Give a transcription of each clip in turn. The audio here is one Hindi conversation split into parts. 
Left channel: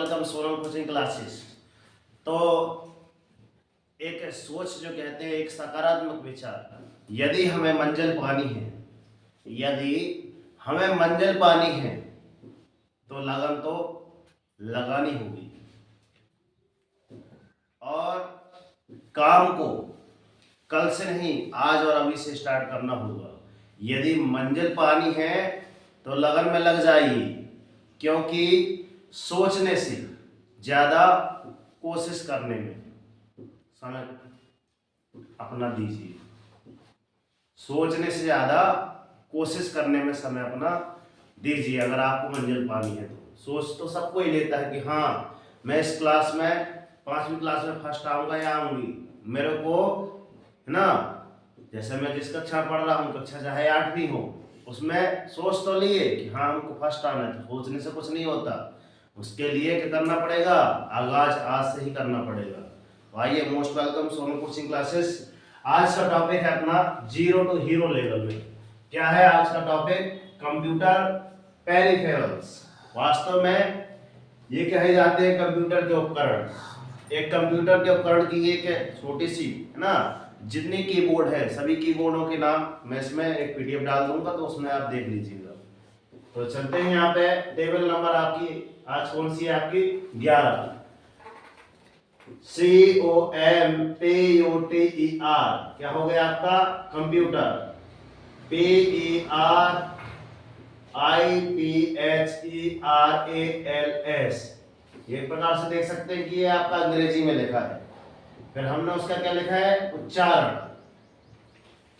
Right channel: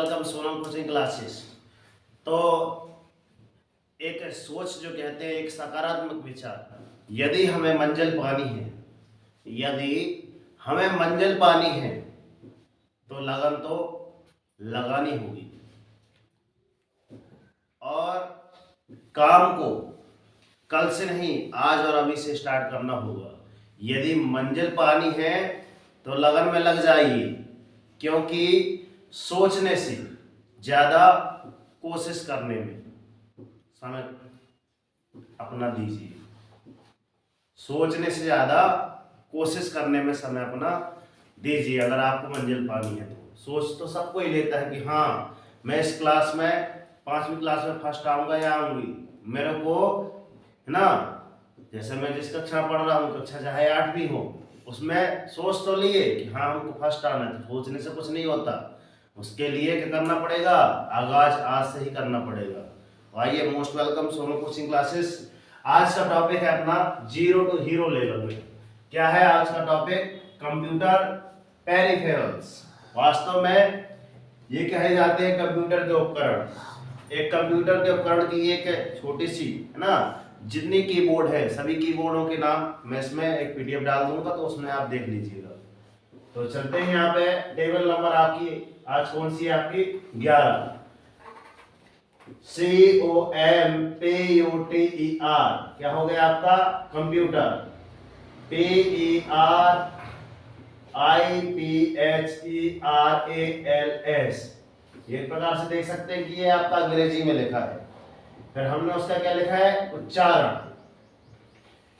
Welcome Sonam coaching classes. तो एक सोच जो कहते हैं, एक सकारात्मक विचार। यदि हमें मंजिल पानी है, यदि हमें मंजिल पानी है तो लगन तो लगानी होगी और काम को कल से नहीं, आज और अभी से स्टार्ट करना होगा। यदि मंजिल पानी है तो लगन में लग जाइए, क्योंकि सोचने से ज़्यादा कोशिश करने में समय अपना दीजिए। सोचने से ज़्यादा कोशिश करने में समय अपना दीजिए। अगर आपको मंजिल पानी है तो सोच तो सबको ही लेता है कि हाँ, मैं इस क्लास में 5वीं क्लास में फर्स्ट आऊँगा या आऊँगी, मेरे को है ना। जैसे मैं जिस कक्षा पढ़ रहा हूँ, कक्षा चाहे 8वीं हो, उसमें सोच तो लिए कि हाँ हमको फर्स्ट आना है। तो सोचने से कुछ नहीं होता, उसके लिए क्या करना पड़ेगा, आगाज आज से ही करना पड़ेगा। आइए, most welcome Sonu coaching classes. आज का टॉपिक है अपना जीरो टू हीरो लेवल में। क्या है आज का टॉपिक? Computer peripherals. वास्तव में ये कहे जाते हैं कंप्यूटर के उपकरण। एक कंप्यूटर के उपकरण की एक छोटी सी है ना, जितनी कीबोर्ड है सभी कीबोर्डों के नाम मैं इसमें एक पीडीएफ डाल दूंगा, तो उसमें आप देख लीजिएगा। तो चलते हैं यहाँ पे। टेबल नंबर आपकी आज कौन सी है? आपकी 11। COMPUTER क्या हो गया आपका? कंप्यूटर। PERIPHERALS ये प्रकार से देख सकते हैं कि ये आपका अंग्रेजी में लिखा है। फिर हमने उसका क्या लिखा है? उच्चारण।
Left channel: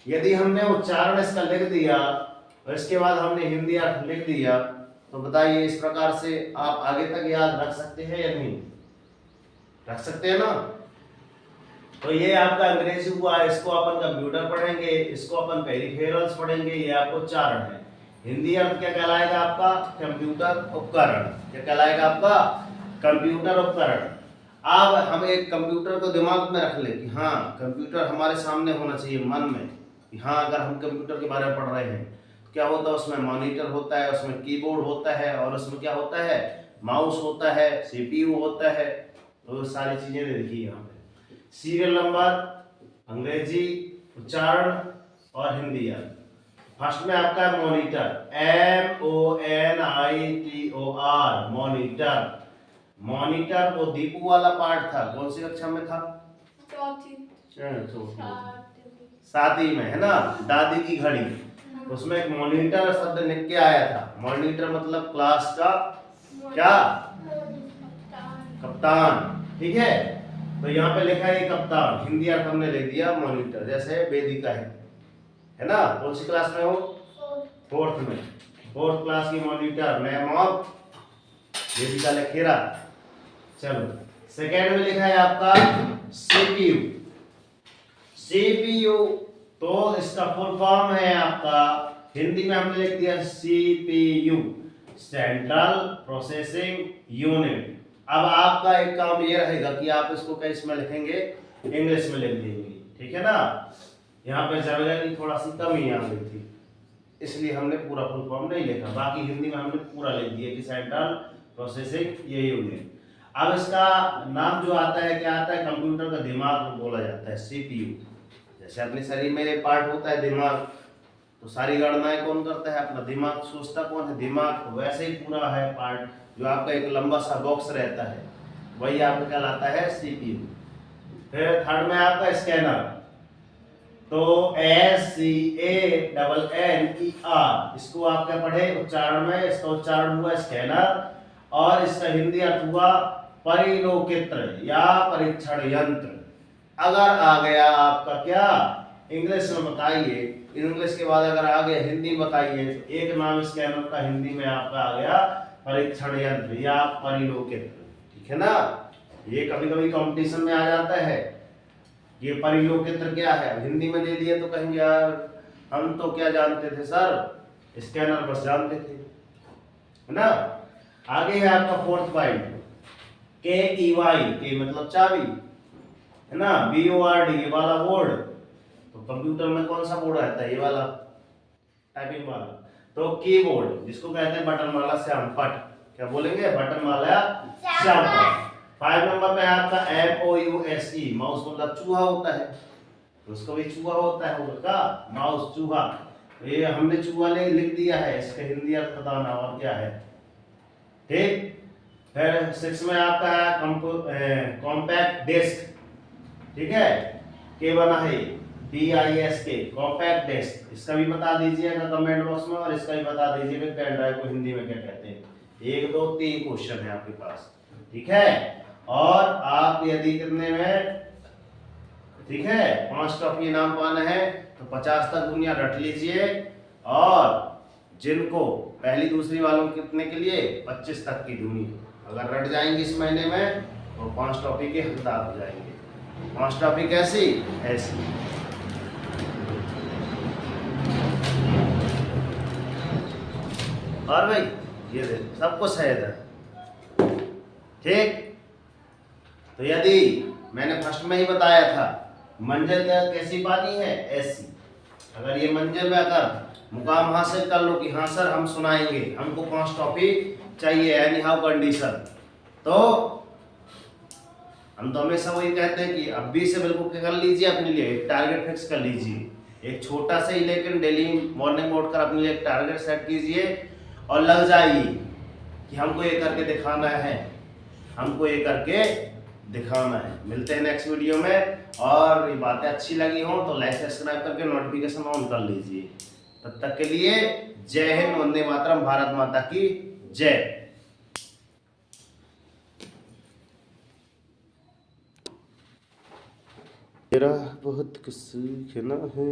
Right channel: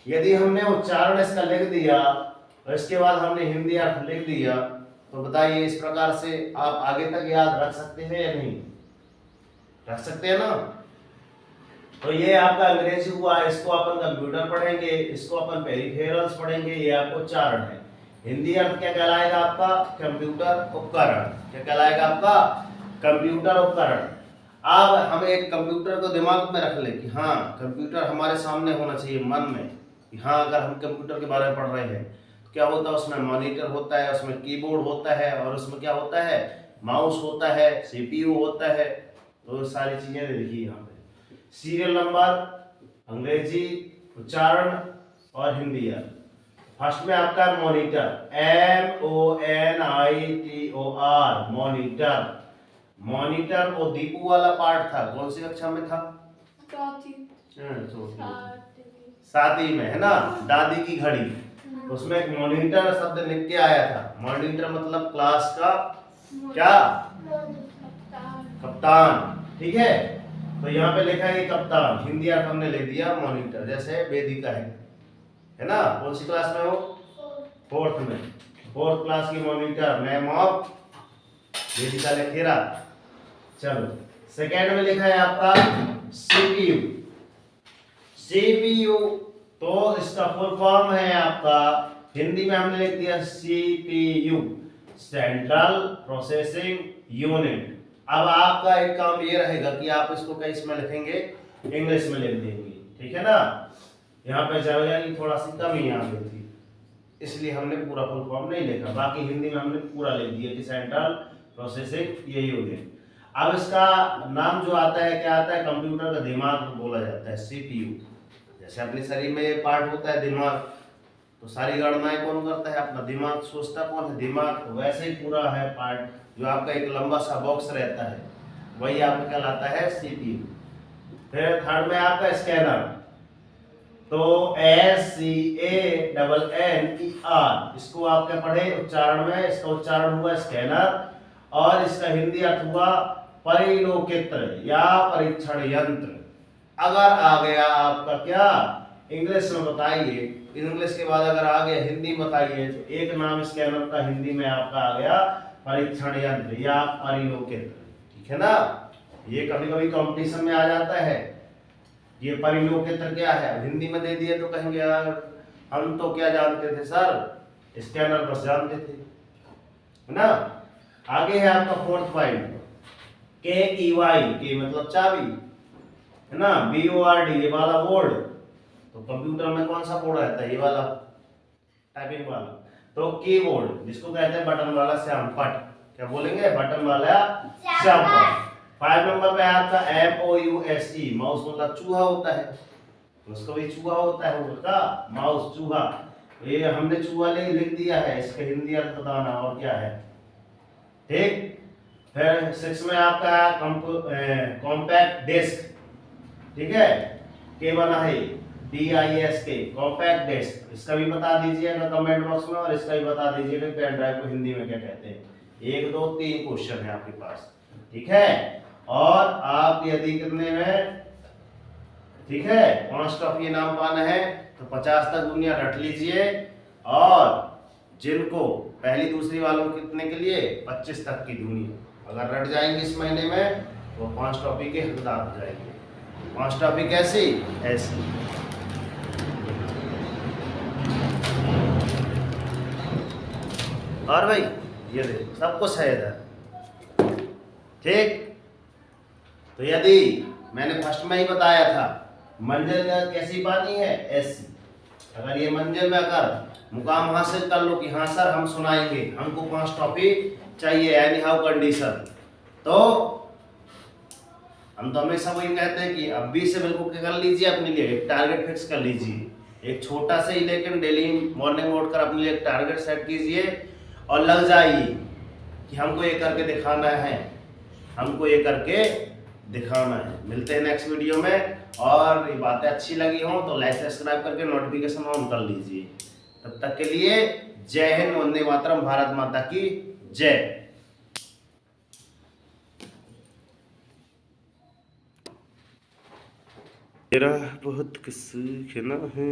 यदि हमने उच्चारण इसका लिख दिया और इसके बाद हमने हिंदी अर्थ लिख दिया, तो बताइए इस प्रकार से आप आगे तक याद रख सकते हैं या नहीं? रख सकते हैं ना। तो ये आपका अंग्रेजी हुआ, इसको अपन कंप्यूटर पढ़ेंगे, इसको अपन पेरिफेरल्स पढ़ेंगे, ये आपको उच्चारण है। हिंदी अर्थ क्या कहलाएगा आपका? कंप्यूटर उपकरण। क्या कहलाएगा आपका? कंप्यूटर उपकरण। अब हम एक कंप्यूटर को दिमाग में रख ले कि हाँ, कंप्यूटर हमारे सामने होना चाहिए मन में कि हाँ, अगर हम कंप्यूटर के बारे में पढ़ रहे हैं तो क्या होता है? उसमें मॉनिटर होता है, उसमें कीबोर्ड होता है, और उसमें क्या होता है? माउस होता है, सीपीयू होता है। तो सारी चीजें लिखी यहाँ पे। सीरियल नंबर, अंग्रेजी, उच्चारण और हिंदी अर्थ। फर्स्ट में आपका मॉनिटर, MONITOR, मॉनिटर। मॉनिटर वो दीपू वाला पार्ट था, कौन सी कक्षा में था? चौथी। 7वीं में है ना, दादी की घड़ी। उसमें एक मॉनिटर शब्द लिख के आया था। मॉनिटर मतलब क्लास का क्या? कप्तान। ठीक है, तो यहाँ पे लिखा है कप्तान, हिंदी अर्थ हमने लिख दिया मॉनिटर। जैसे वेदिका है ना, कौन सी क्लास में हो? 4th में। 4th क्लास की मॉनिटर, मैम ऑफ वेदिका लेखेरा। चलो, सेकेंड में लिखा है आपका सीपीयू। सीपीयू तो इसका फुल फॉर्म है आपका, हिंदी में हमने लिख दिया सीपीयू, सेंट्रल प्रोसेसिंग यूनिट। अब आपका एक काम ये रहेगा कि आप इसको कैसे में लिखेंगे? इंग्लिश में लिख देंगे, ठीक है ना। यहाँ पे जगह की थोड़ा सी कमी आ गई थी, इसलिए हमने पूरा फुल फॉर्म नहीं लिखा। बाकी हिंदी में हमने पूरा लिख दिया कि सेंट्रल प्रोसेसिंग ये यूनिट। अब इसका नाम जो आता है, क्या आता है? कंप्यूटर का दिमाग बोला जाता है, सीपीयू। जैसे अपने शरीर में एक पार्ट होता है दिमाग, तो सारी गणनाएं कौन करता है? अपना दिमाग। सोचता कौन है? दिमाग। तो वैसे ही पूरा है पार्ट, जो आपका एक लंबा सा बॉक्स रहता है, वही आपका कहलाता है सीपीयू। फिर थर्ड में आपका स्कैनर, तो SCANNER, इसको आप क्या पढ़े उच्चारण में? इसका उच्चारण हुआ स्कैनर, और इसका हिंदी अर्थ हुआ परिलोकित्र या परीक्षण यंत्र। अगर आ गया आपका क्या इंग्लिश में बताइए, इंग्लिश के बाद अगर आ गया हिंदी बताइए, तो एक नाम स्कैनर का हिंदी में आपका आ गया परीक्षण यंत्र या परिलोकित्र। ठीक है ना, ये कभी कभी कंपटीशन में आ जाता है। ये परिलोकित्र क्या है, हिंदी में दे दिया तो कहेंगे यार हम तो क्या जानते थे सर, स्कैनर बस जानते थे, है ना। आगे है आपका 4th पॉइंट, KEY, के मतलब चाबी, है ना। BORD ये वाला बोर्ड, तो कंप्यूटर में कौन सा बोर्ड रहता है? ये वाला, टाइपिंग वाला। तो कीबोर्ड जिसको कहते हैं बटन वाला श्याम पट, क्या बोलेंगे, बटन वाला चापर। 5 नंबर पे आपका MOUSE, माउस मतलब चूहा होता है, उसका भी चूहा होता है, उसका माउस चूहा। तो ये हमने चूहा लिख दिया है, इसका हिंदी अर्थ बताना और क्या है, ठीक। फिर 6 में आपका है कॉम्पैक्ट डिस्क, ठीक है, के बना है DISK, कॉम्पैक्ट डिस्क। इसका भी बता दीजिएगा कमेंट बॉक्स में, और इसका भी बता दीजिएगा पेन ड्राइव को हिंदी में क्या कहते हैं। 1 2 3 क्वेश्चन है आपके पास, ठीक है। और आप यदि कितने में, ठीक है, 5 टॉपिक नाम पाना है तो 50 तक दुनिया रट लीजिए, और जिनको पहली दूसरी वालों कितने के लिए 25 तक की दुनिया अगर रट जाएंगे इस महीने में तो 5 टॉपिक के हकदार हो जाएंगे। 5 टॉपिक ऐसी ऐसी। और भाई ये देखो सब कुछ है इधर, ठीक। तो यदि मैंने फर्स्ट में ही बताया था मंजिल कैसी पानी है, ऐसी। अगर ये मंजिल में अगर मुकाम हासिल कर लो कि हाँ सर हम सुनाएंगे, हमको 5 टॉपिक चाहिए, एनी हाउ कंडीशन, तो हम तो हमेशा वही कहते हैं कि अभी से बिल्कुल क्या कर लीजिए, अपने लिए एक टारगेट फिक्स कर लीजिए, एक छोटा सा ही लेकिन डेली मॉर्निंग में उठकर अपने लिए एक टारगेट सेट कीजिए और लग जाइए कि हमको ये करके दिखाना है, हमको ये करके दिखाना है। मिलते हैं नेक्स्ट वीडियो में, और ये बातें अच्छी लगी हो तो लाइक सब्सक्राइब करके नोटिफिकेशन ऑन कर लीजिए। तब तक के लिए जय हिंद, वंदे मातरम, भारत माता की जय। तेरा बहुत कुछ सीखना है।